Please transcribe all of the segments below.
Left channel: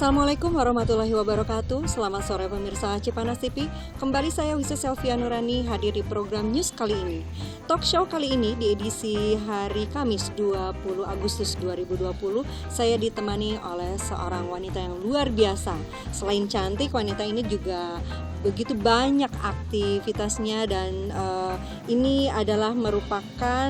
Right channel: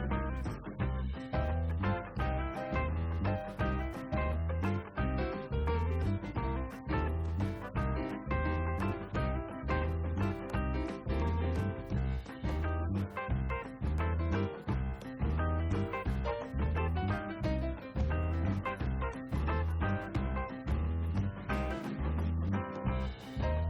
Assalamualaikum warahmatullahi wabarakatuh. Selamat sore pemirsa Cipanas TV. Kembali saya Wisi Selvia Nurani hadir di program News kali ini. Talk show kali ini di edisi hari Kamis 20 Agustus 2020 saya ditemani oleh seorang wanita yang luar biasa. Selain cantik, wanita ini juga begitu banyak aktivitasnya dan ini adalah merupakan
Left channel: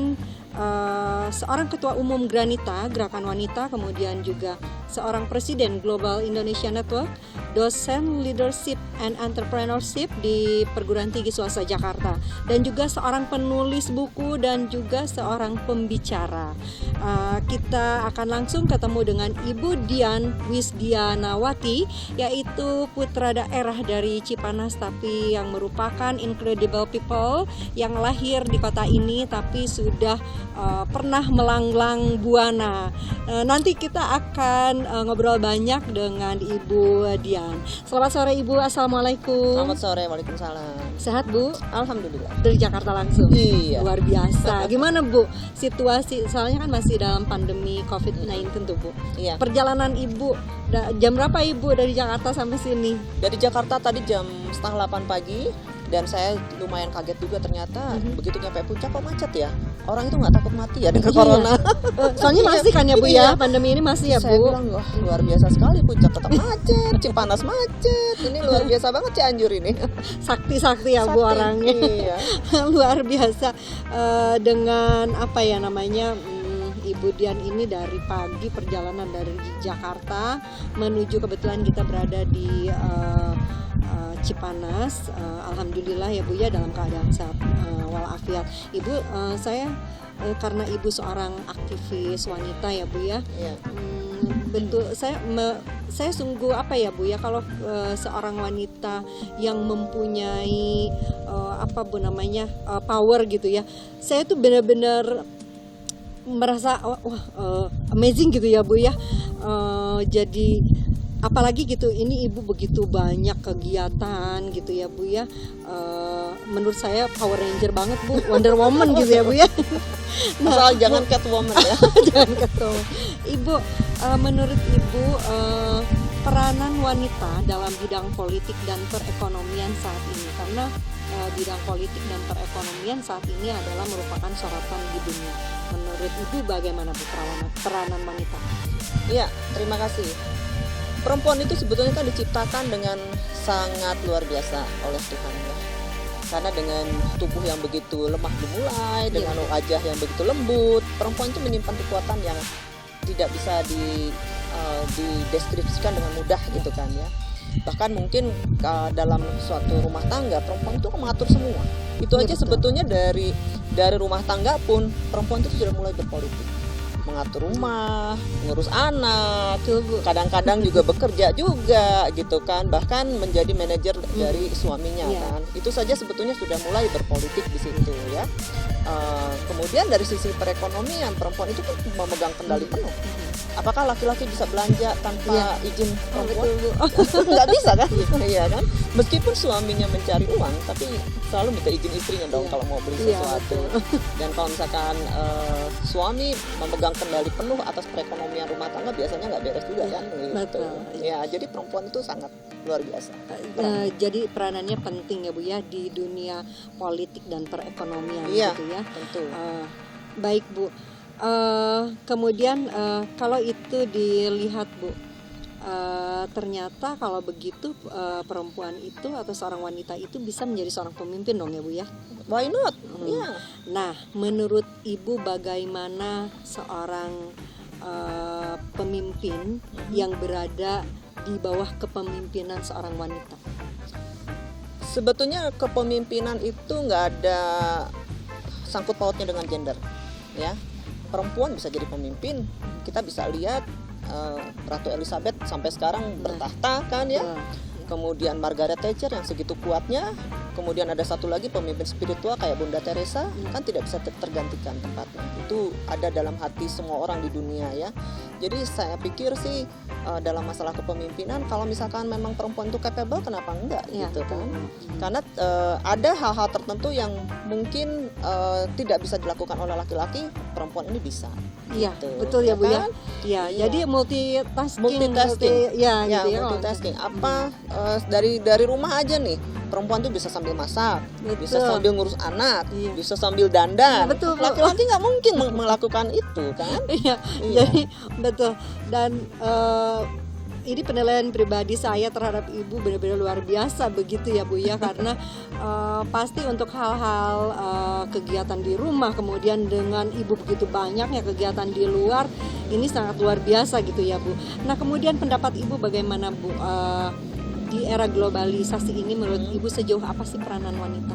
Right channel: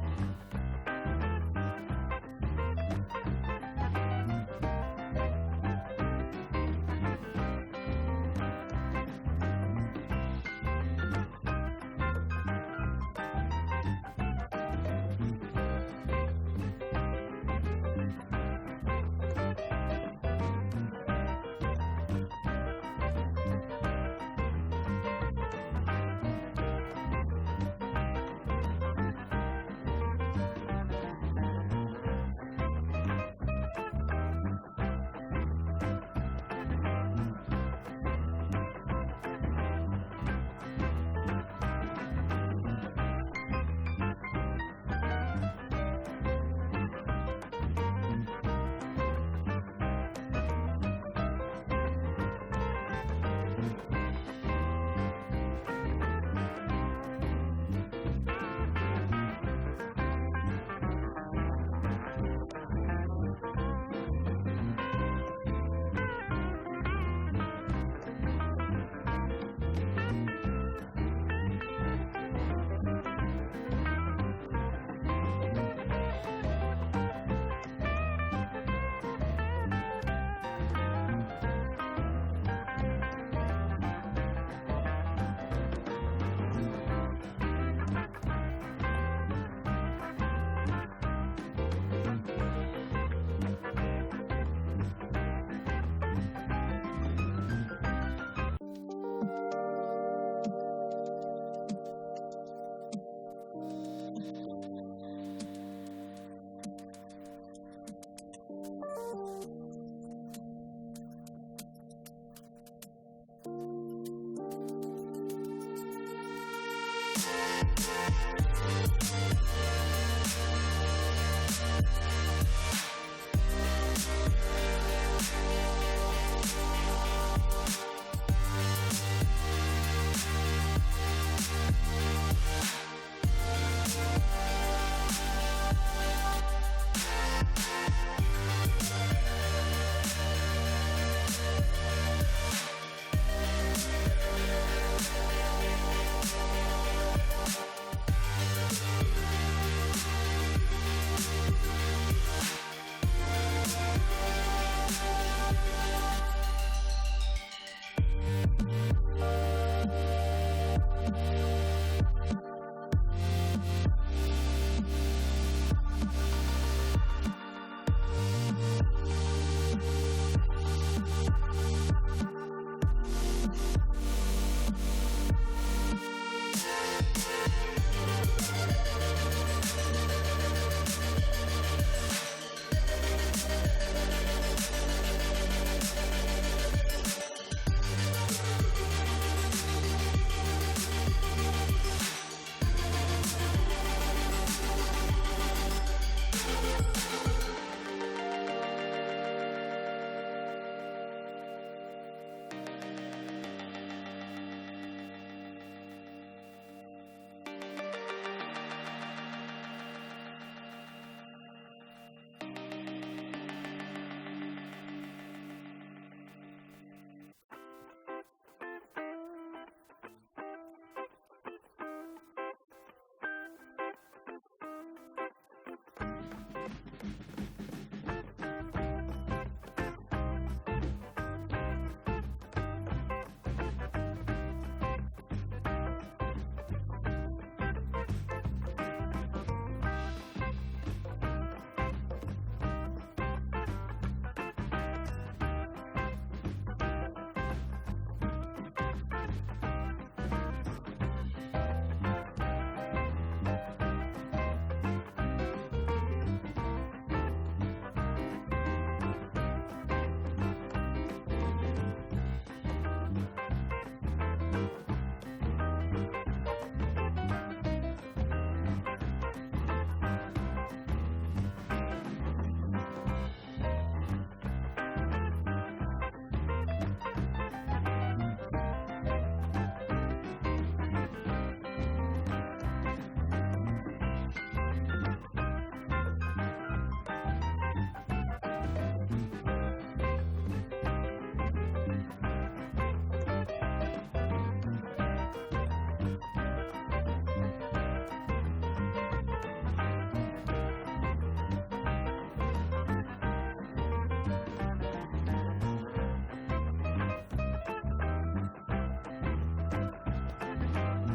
seorang ketua umum Granita, Gerakan Wanita, kemudian juga seorang presiden Global Indonesia Network, dosen leadership and entrepreneurship di Perguruan Tinggi Swasta Jakarta, dan juga seorang penulis buku dan juga seorang pembicara. Kita akan langsung ketemu dengan Ibu Dian Wisdianawati, yaitu putra daerah dari Cipanas tapi yang merupakan incredible people yang lahir di kota ini tapi sudah pernah melanglang buana. Nanti kita akan ngobrol banyak dengan Ibu Dian. Selamat sore Ibu, Assalamualaikum. Selamat sore, waalaikumsalam. Sehat Bu? Alhamdulillah. Dari Jakarta langsung? Iya. Luar biasa. Gimana Bu situasi, soalnya kan masih dalam pandemi COVID-19 tuh Bu. Iya. Perjalanan Ibu, jam berapa Ibu dari Jakarta sampai sini? Dari Jakarta tadi jam 7:30 pagi. Dan saya lumayan kaget juga ternyata begitu nyampe puncak kok macet ya. Orang itu nggak takut mati ya dengan corona. Soalnya masih kan ya Bu ya, pandemi ini masih ya Saya Bu. bilang wah luar biasa sekali, puncak tetap macet, Cipanas macet. Ini luar biasa banget Cianjur ini. Sakti ya Bu orangnya. Iya. Luar biasa. Dengan apa ya namanya, Ibu Dian ini dari pagi perjalanan dari Jakarta menuju, kebetulan kita berada di Cipanas. Alhamdulillah ya Bu ya, dalam keadaan sehat walafiat. Ibu, saya karena Ibu seorang aktivis wanita ya Bu ya. Iya. Bentuk saya sungguh apa ya Bu ya, kalau seorang wanita yang mempunyai apa Bu namanya, power gitu ya. Saya tuh benar-benar merasa amazing gitu ya Bu ya. Jadi apalagi gitu, ini Ibu begitu banyak kegiatan gitu ya Bu ya. Menurut saya Power Ranger banget Bu, Wonder Woman gitu ya Bu ya. Asal jangan Catwoman ya. Jangan Catwoman. Ibu, menurut Ibu peranan wanita dalam bidang politik dan perekonomian saat ini, karena bidang politik dan perekonomian saat ini adalah merupakan sorotan di dunia. Menurut Ibu bagaimana peranan wanita? Iya, terima kasih. Perempuan itu sebetulnya kan diciptakan dengan sangat luar biasa oleh Tuhan. Karena dengan tubuh yang begitu lemah dimulai, dengan wajah yang begitu lembut, perempuan itu menyimpan kekuatan yang tidak bisa dideskripsikan dengan mudah gitu kan ya. Bahkan mungkin dalam suatu rumah tangga perempuan itu mengatur semua. Itu aja sebetulnya dari rumah tangga pun perempuan itu sudah mulai berpolitik. Mengatur rumah, mengurus anak, kadang-kadang juga bekerja juga gitu kan, bahkan menjadi manajer dari suaminya kan. Itu saja sebetulnya sudah mulai berpolitik di situ ya. Kemudian dari sisi perekonomian, perempuan itu kan memegang kendali penuh. Apakah laki-laki bisa belanja tanpa izin perempuan? Nggak bisa kan? Iya kan? Meskipun suaminya mencari uang, tapi selalu minta izin istrinya dong kalau mau beli sesuatu. Dan kalau misalkan suami memegang kendali penuh atas perekonomian rumah tangga, biasanya nggak beres juga kan? Betul. Ya, jadi perempuan itu sangat luar biasa. Jadi peranannya penting ya Bu ya di dunia politik dan perekonomian gitu ya. Tentu. Baik Bu. Kemudian kalau itu dilihat Bu, ternyata kalau begitu perempuan itu atau seorang wanita itu bisa menjadi seorang pemimpin dong ya Bu ya. Why not? Iya. Nah, menurut Ibu bagaimana seorang pemimpin yang berada di bawah kepemimpinan seorang wanita? Sebetulnya kepemimpinan itu nggak ada sangkut pautnya dengan gender, ya. Perempuan bisa jadi pemimpin. Kita bisa lihat Ratu Elizabeth sampai sekarang bertahta kan ya. Kemudian Margaret Thatcher yang segitu kuatnya. Kemudian ada satu lagi pemimpin spiritual kayak Bunda Teresa, kan tidak bisa tergantikan tempatnya. Itu ada dalam hati semua orang di dunia ya. Jadi saya pikir sih dalam masalah kepemimpinan, kalau misalkan memang perempuan itu capable, kenapa enggak gitu kan? Karena ada hal-hal tertentu yang mungkin tidak bisa dilakukan oleh laki-laki, perempuan ini bisa. Iya, gitu, betul ya Bu ya. Ya, jadi multitasking, Ya, gitu ya. multitasking. Dari rumah aja nih, perempuan tuh bisa sambil masak, bisa Betul. sambil ngurus anak, Iya. bisa sambil dandan. Iya, betul, Bu. Laki-laki nggak mungkin melakukan itu kan? Iya, Iya. jadi betul. Dan ini penilaian pribadi saya terhadap ibu benar-benar luar biasa begitu ya Bu ya, karena pasti untuk hal-hal kegiatan di rumah, kemudian dengan ibu begitu banyaknya kegiatan di luar, ini sangat luar biasa gitu ya Bu. Nah kemudian pendapat ibu bagaimana Bu, di era globalisasi ini menurut ibu sejauh apa sih peranan wanita?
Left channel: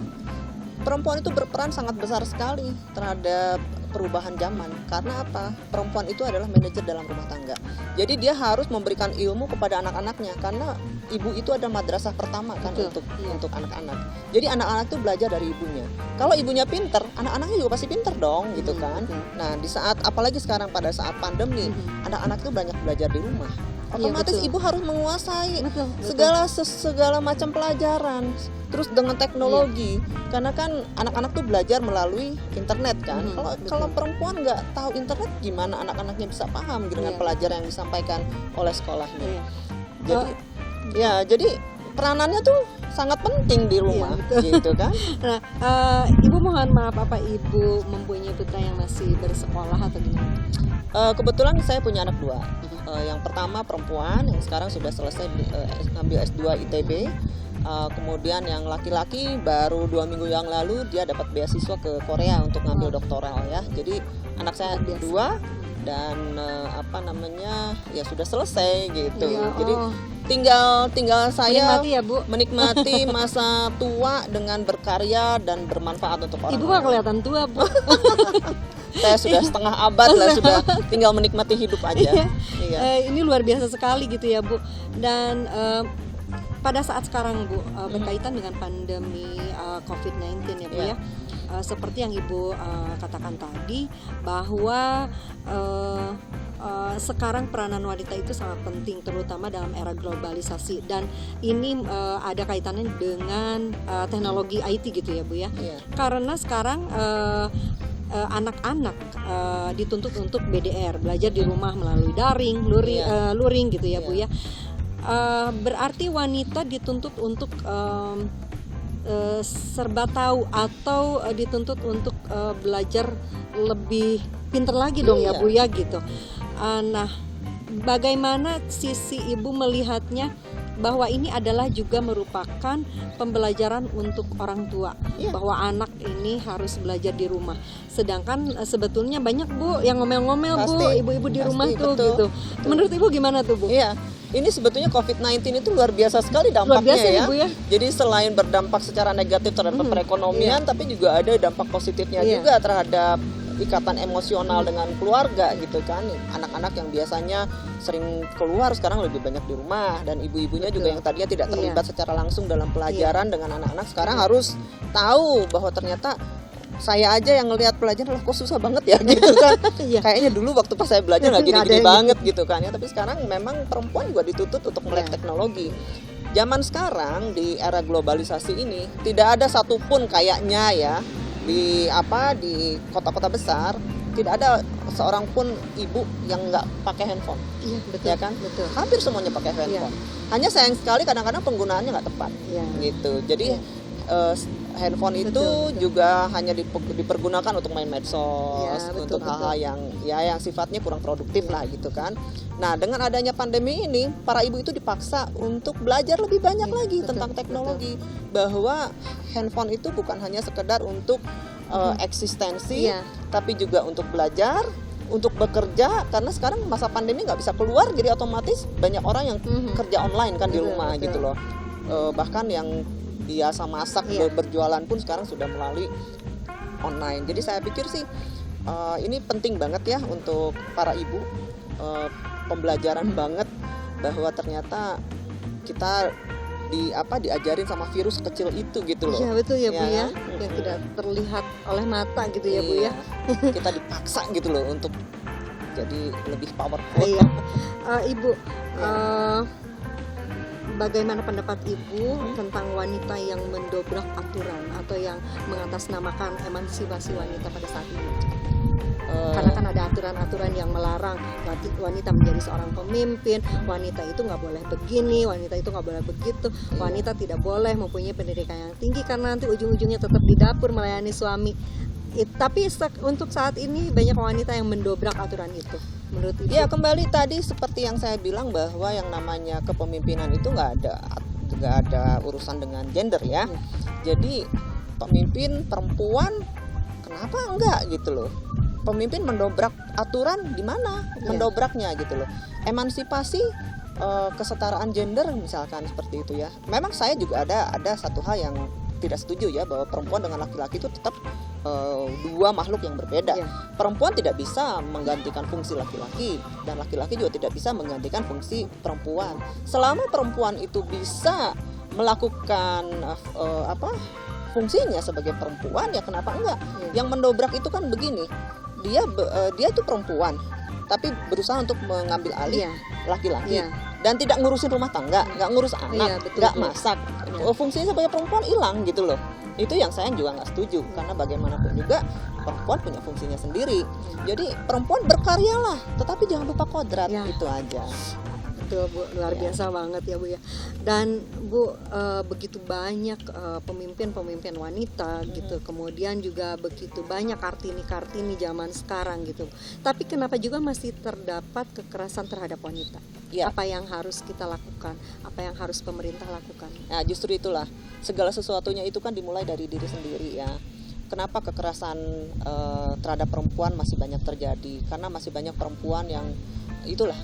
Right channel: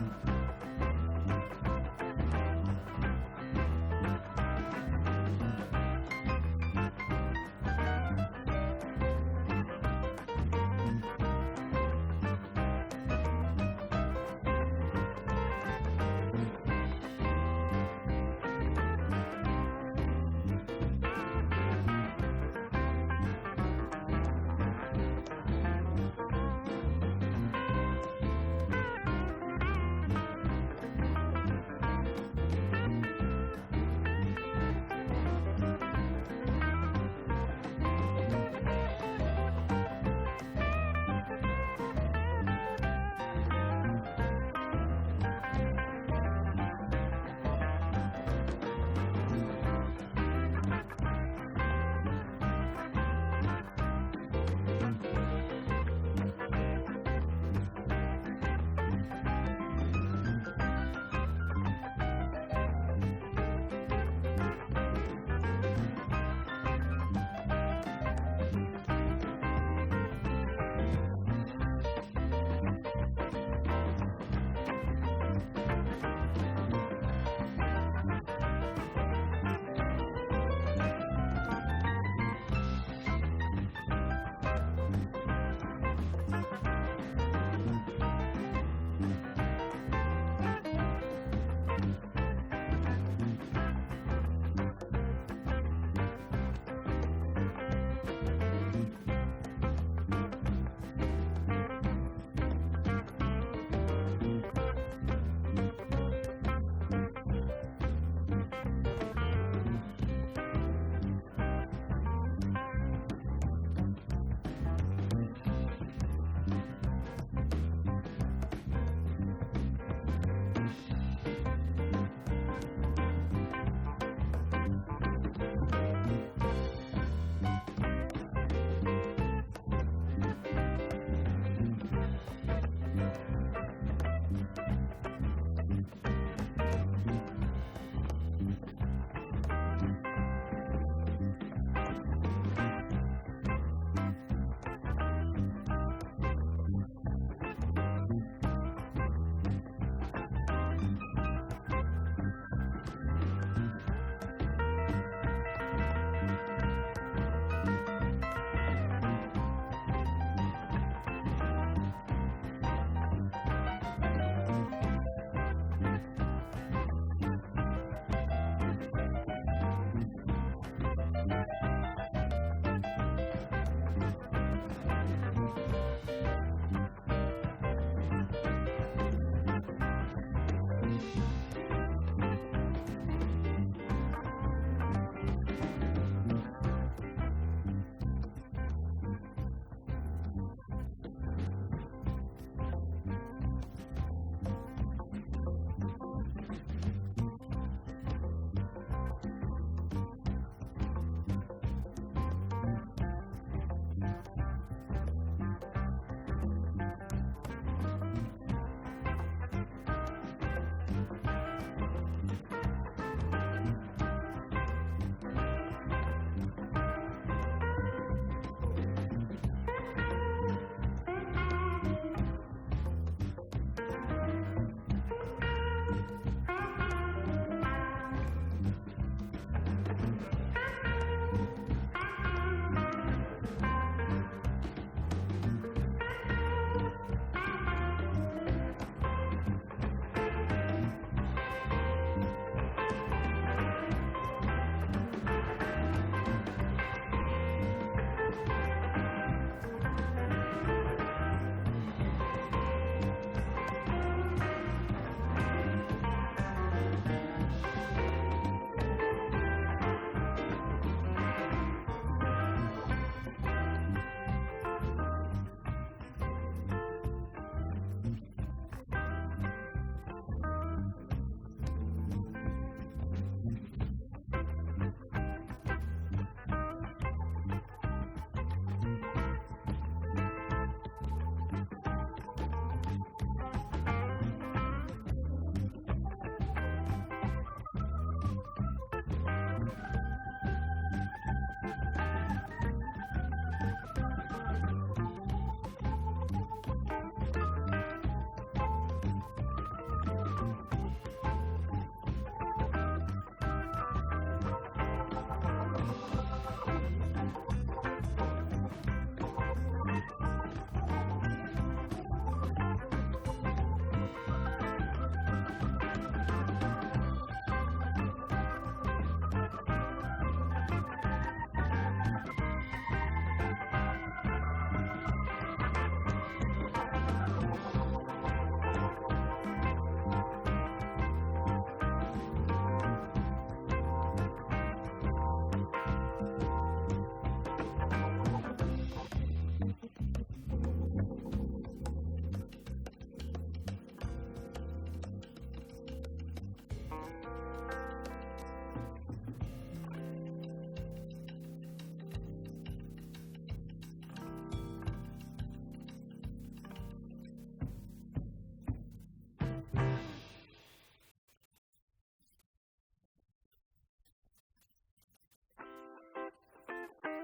Perempuan itu berperan sangat besar sekali terhadap perubahan zaman. Karena apa? Perempuan itu adalah manajer dalam rumah tangga. Jadi dia harus memberikan ilmu kepada anak-anaknya, karena ibu itu adalah madrasah pertama kan untuk anak-anak. Jadi anak-anak itu belajar dari ibunya. Kalau ibunya pinter, anak-anaknya juga pasti pinter dong, gitu kan. Nah, di saat apalagi sekarang pada saat pandemi, anak-anak itu banyak belajar di rumah. Otomatis betul. ibu harus menguasai Betul. segala macam pelajaran, terus dengan teknologi, karena kan anak-anak tuh belajar melalui internet kan. Kalau perempuan nggak tahu internet, gimana anak-anaknya bisa paham dengan pelajaran yang disampaikan oleh sekolahnya. Jadi peranannya tuh sangat penting di rumah, gitu kan. Nah, ibu mohon maaf, apa ibu mempunyai putra yang masih bersekolah atau gimana? Kebetulan saya punya anak dua. Yang pertama perempuan yang sekarang sudah selesai ngambil S2 ITB. Kemudian yang laki-laki baru 2 minggu yang lalu dia dapat beasiswa ke Korea untuk ngambil doktoral ya. Jadi anak saya dua dan ya sudah selesai gitu. Jadi tinggal saya menikmati ya Bu. menikmati masa tua dengan berkarya dan bermanfaat untuk orang. Ibu nggak kelihatan tua Bu. Saya sudah setengah abad lah, sudah tinggal menikmati hidup aja. Iya. Ini luar biasa sekali gitu ya Bu. Dan pada saat sekarang Bu, berkaitan dengan pandemi COVID-19 ya Bu ya, seperti yang Ibu katakan tadi bahwa sekarang peranan wanita itu sangat penting, terutama dalam era globalisasi, dan ini ada kaitannya dengan teknologi IT gitu ya Bu ya. Karena sekarang anak-anak dituntut untuk BDR, belajar di rumah melalui daring, luring gitu ya Bu ya. Berarti wanita dituntut untuk serba tahu atau dituntut untuk belajar lebih pintar lagi dong ya Bu ya gitu. Nah, bagaimana sisi ibu melihatnya bahwa ini adalah juga merupakan pembelajaran untuk orang tua, bahwa anak ini harus belajar di rumah. Sedangkan sebetulnya banyak Bu yang ngomel-ngomel Bu, ibu-ibu di rumah tuh betul. gitu. Menurut Ibu gimana tuh Bu? Iya, ini sebetulnya COVID-19 itu luar biasa sekali dampaknya, Luar biasa, ya. Ibu, ya. Jadi selain berdampak secara negatif terhadap perekonomian, tapi juga ada dampak positifnya juga terhadap ikatan emosional dengan keluarga gitu kan. Anak-anak yang biasanya sering keluar sekarang lebih banyak di rumah, dan ibu-ibunya juga yang tadinya tidak terlibat secara langsung dalam pelajaran dengan anak-anak sekarang harus tahu bahwa ternyata saya aja yang ngelihat pelajaran kok susah banget ya gitu kan. Kayaknya dulu waktu pas saya belajar nggak gini-gini banget gitu kan ya, tapi sekarang memang perempuan juga dituntut untuk melek teknologi. Zaman sekarang di era globalisasi ini tidak ada satupun kayaknya ya di kota-kota besar tidak ada seorang pun ibu yang nggak pakai handphone. Betul, ya kan? Betul. Hampir semuanya pakai handphone. Hanya sayang sekali kadang-kadang penggunaannya nggak tepat gitu. Jadi handphone itu juga hanya dipergunakan untuk main medsos, untuk hal-hal yang sifatnya kurang produktif lah gitu kan. Nah, dengan adanya pandemi ini, para ibu itu dipaksa untuk belajar lebih banyak lagi tentang teknologi, bahwa handphone itu bukan hanya sekedar untuk eksistensi, tapi juga untuk belajar, untuk bekerja, karena sekarang masa pandemi nggak bisa keluar, jadi otomatis banyak orang yang kerja online kan di rumah gitu loh. Bahkan yang biasa masak berjualan pun sekarang sudah melalui online. Jadi saya pikir sih ini penting banget ya untuk para ibu, pembelajaran banget bahwa ternyata kita diajarin sama virus kecil itu gitu loh. Iya betul ya Bu ya, yang tidak terlihat oleh mata gitu ya Bu ya. Kita dipaksa gitu loh untuk jadi lebih powerful. Ibu, bagaimana pendapat Ibu tentang wanita yang mendobrak aturan atau yang mengatasnamakan emansipasi wanita pada saat ini? Karena kan ada aturan-aturan yang melarang wanita menjadi seorang pemimpin, wanita itu nggak boleh begini, wanita itu nggak boleh begitu, wanita tidak boleh mempunyai pendidikan yang tinggi karena nanti ujung-ujungnya tetap di dapur melayani suami. Tapi untuk saat ini banyak wanita yang mendobrak aturan itu. Menurut Ibu? Ya, kembali tadi seperti yang saya bilang bahwa yang namanya kepemimpinan itu nggak ada urusan dengan gender ya. Jadi pemimpin perempuan kenapa enggak gitu loh. Pemimpin mendobrak aturan di mana mendobraknya gitu loh. Emansipasi, kesetaraan gender misalkan seperti itu ya. Memang saya juga ada satu hal yang tidak setuju ya, bahwa perempuan dengan laki-laki itu tetap dua makhluk yang berbeda. Perempuan tidak bisa menggantikan fungsi laki-laki dan laki-laki juga tidak bisa menggantikan fungsi perempuan. Selama perempuan itu bisa melakukan fungsinya sebagai perempuan, ya kenapa enggak? Yang mendobrak itu kan begini, dia itu perempuan tapi berusaha untuk mengambil alih laki-laki dan tidak ngurusin rumah tangga, nggak ngurus anak, nggak masak. Fungsinya sebagai perempuan hilang gitu loh. Itu yang saya juga nggak setuju, karena bagaimanapun juga perempuan punya fungsinya sendiri. Jadi perempuan berkaryalah, tetapi jangan lupa kodrat, itu aja. Betul Bu, luar biasa banget ya Bu ya. Dan Bu, begitu banyak pemimpin-pemimpin wanita gitu, kemudian juga begitu banyak kartini-kartini zaman sekarang gitu. Tapi kenapa juga masih terdapat kekerasan terhadap wanita? Apa yang harus kita lakukan? Apa yang harus pemerintah lakukan? Nah, justru itulah, segala sesuatunya itu kan dimulai dari diri sendiri ya. Kenapa kekerasan terhadap perempuan masih banyak terjadi? Karena masih banyak perempuan yang itulah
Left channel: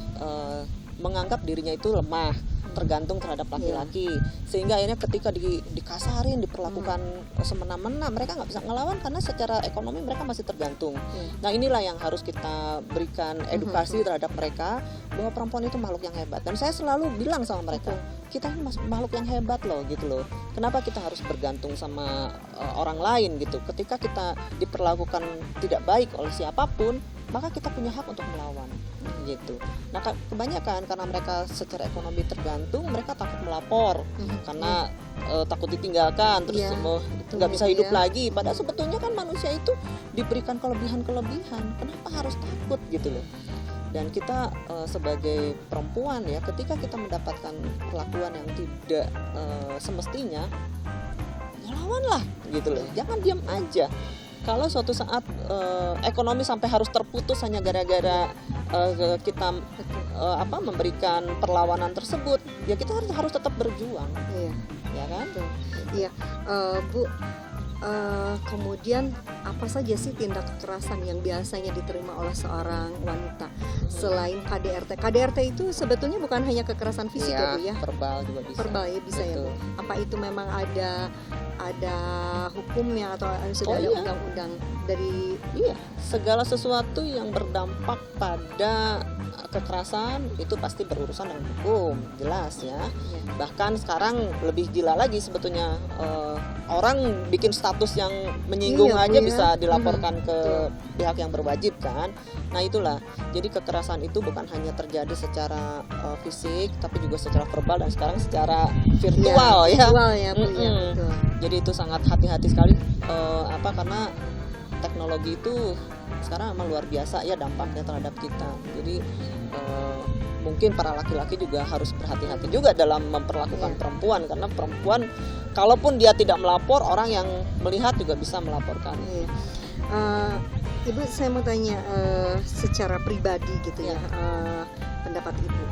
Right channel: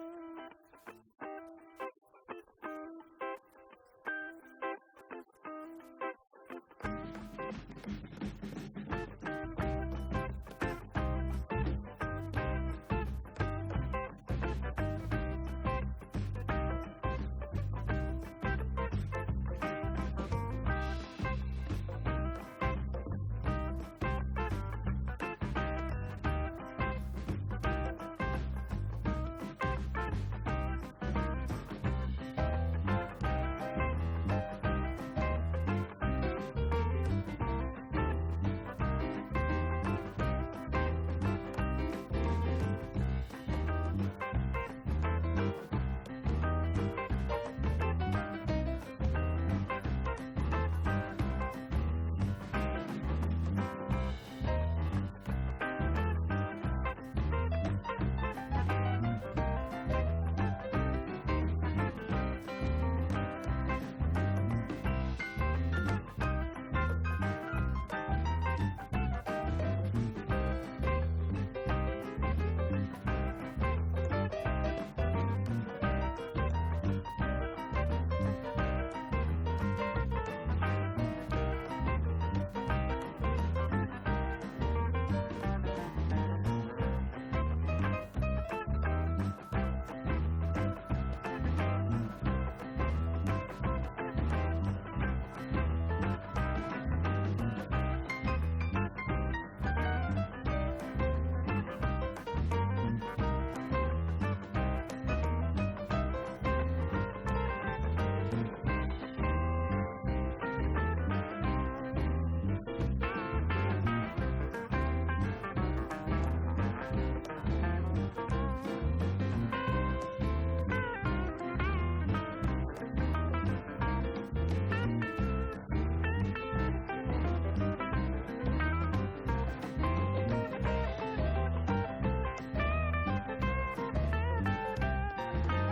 menganggap dirinya itu lemah, tergantung terhadap laki-laki, sehingga akhirnya ketika dikasarin, diperlakukan semena-mena, mereka nggak bisa ngelawan karena secara ekonomi mereka masih tergantung. Nah, inilah yang harus kita berikan edukasi terhadap mereka, bahwa perempuan itu makhluk yang hebat. Dan saya selalu bilang sama mereka, kita ini makhluk yang hebat loh gitu loh. Kenapa kita harus bergantung sama orang lain gitu? Ketika kita diperlakukan tidak baik oleh siapapun, maka kita punya hak untuk melawan gitu. Nah, kebanyakan karena mereka secara ekonomi tergantung, mereka takut melapor karena takut ditinggalkan, terus nggak bisa hidup lagi. Padahal sebetulnya kan manusia itu diberikan kelebihan-kelebihan. Kenapa harus takut gitu loh? Dan kita sebagai perempuan ya, ketika kita mendapatkan perlakuan yang tidak semestinya, ya lawanlah gitu loh. Jangan diam aja. Kalau suatu saat ekonomi sampai harus terputus hanya gara-gara kita memberikan perlawanan tersebut, ya kita harus tetap berjuang, ya kan? Iya, Bu. Kemudian apa saja sih tindak kekerasan yang biasanya diterima oleh seorang wanita selain KDRT? KDRT itu sebetulnya bukan hanya kekerasan fisik ya Bu ya? Verbal juga bisa. Verbal ya bisa ya Bu. Apa itu memang ada hukumnya atau sudah ada undang-undang dari segala sesuatu yang berdampak pada kekerasan itu pasti berurusan dengan hukum, jelas ya. Bahkan sekarang lebih gila lagi sebetulnya, orang bikin status yang menyinggung aja bisa dilaporkan ke pihak yang berwajib kan. Nah itulah, jadi kekerasan itu bukan hanya terjadi secara fisik, tapi juga secara verbal dan sekarang secara virtual ya. Jadi itu sangat hati-hati sekali, karena teknologi itu sekarang memang luar biasa ya dampaknya terhadap kita. Jadi mungkin para laki-laki juga harus berhati-hati juga dalam memperlakukan perempuan, karena perempuan kalaupun dia tidak melapor, orang yang melihat juga bisa melaporkan. Ibu, saya mau tanya secara pribadi gitu ya, pendapat Ibu,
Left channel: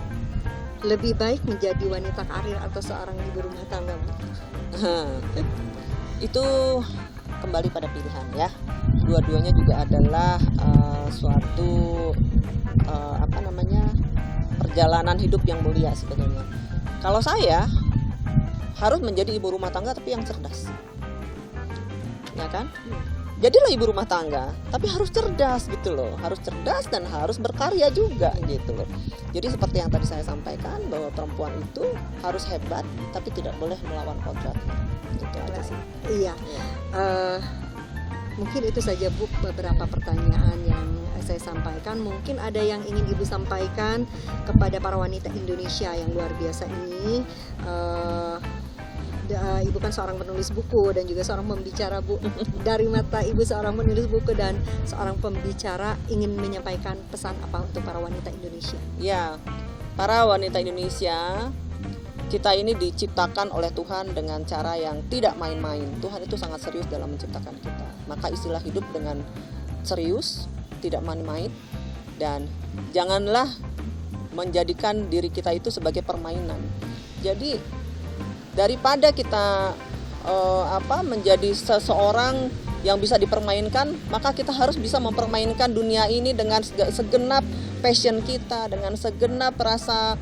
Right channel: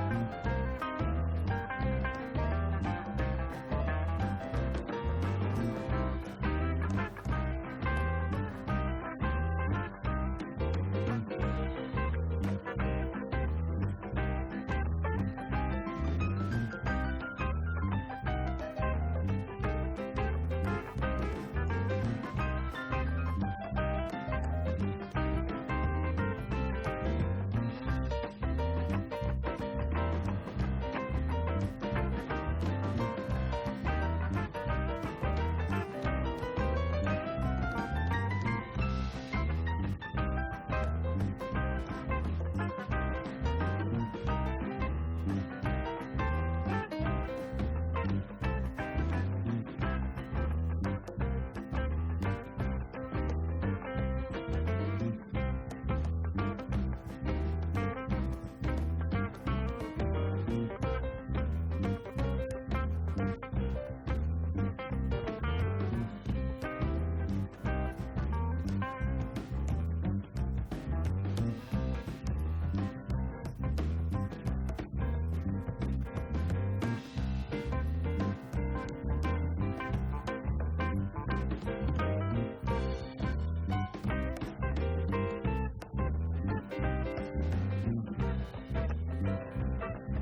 lebih baik menjadi wanita karir atau seorang ibu rumah tangga? Itu kembali pada pilihan ya. Dua-duanya juga adalah suatu perjalanan hidup yang mulia sebenarnya. Kalau saya harus menjadi ibu rumah tangga tapi yang cerdas, ya kan? Jadilah ibu rumah tangga tapi harus cerdas gitu loh, harus cerdas dan harus berkarya juga gitu loh. Jadi seperti yang tadi saya sampaikan, bahwa perempuan itu harus hebat tapi tidak boleh melawan kodrat. Iya. Mungkin itu saja Bu beberapa pertanyaan yang saya sampaikan. Mungkin ada yang ingin Ibu sampaikan kepada para wanita Indonesia yang luar biasa ini, Ibu kan seorang penulis buku dan juga seorang pembicara, Bu. Dari mata Ibu seorang penulis buku dan seorang pembicara, ingin menyampaikan pesan apa untuk para wanita Indonesia? Ya, para wanita Indonesia, kita ini diciptakan oleh Tuhan dengan cara yang tidak main-main. Tuhan itu sangat serius dalam menciptakan kita. Maka istilah hidup dengan serius, tidak main-main, dan janganlah menjadikan diri kita itu sebagai permainan. Jadi daripada kita menjadi seseorang yang bisa dipermainkan, maka kita harus bisa mempermainkan dunia ini dengan segenap passion kita, dengan segenap rasa,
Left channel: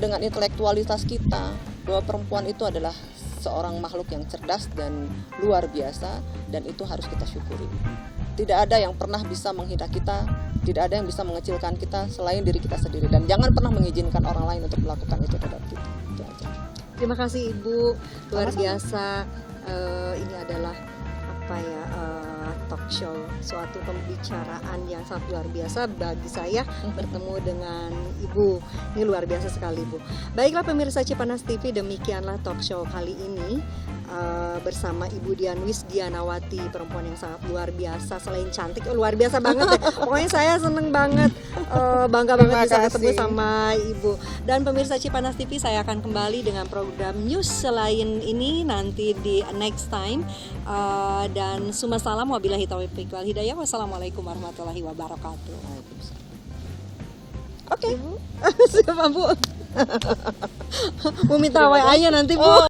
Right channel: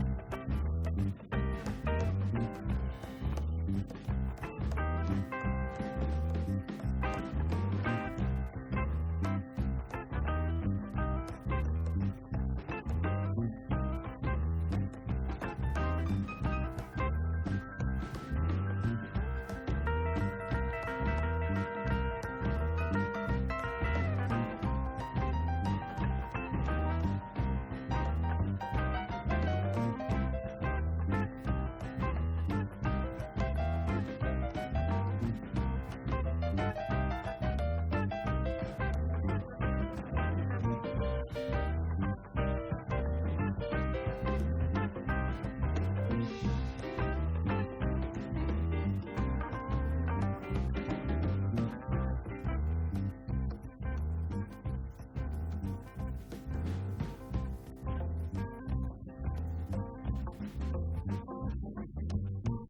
dengan intelektualitas kita. Bahwa perempuan itu adalah seorang makhluk yang cerdas dan luar biasa, dan itu harus kita syukuri. Tidak ada yang pernah bisa menghina kita, tidak ada yang bisa mengecilkan kita selain diri kita sendiri, dan jangan pernah mengizinkan orang lain untuk melakukan itu terhadap kita. Itu aja. Terima kasih Ibu, luar biasa. Ini adalah talk show, suatu pembicaraan yang sangat luar biasa bagi saya bertemu dengan Ibu. Ini luar biasa sekali, Bu. Baiklah pemirsa Cipanas TV, demikianlah talk show kali ini bersama Ibu Dian Wisdianawati, perempuan yang sangat luar biasa. Selain cantik, luar biasa banget deh. Pokoknya saya seneng banget, bangga banget bisa ketemu sama Ibu. Dan pemirsa Cipanas TV, saya akan kembali dengan program news selain ini nanti di next time. Dan summa salam wabillahi taufiq wal hidayah. Wassalamualaikum warahmatullahi wabarakatuh. Oke, siapa Bu? Mau minta WA-nya nanti Bu.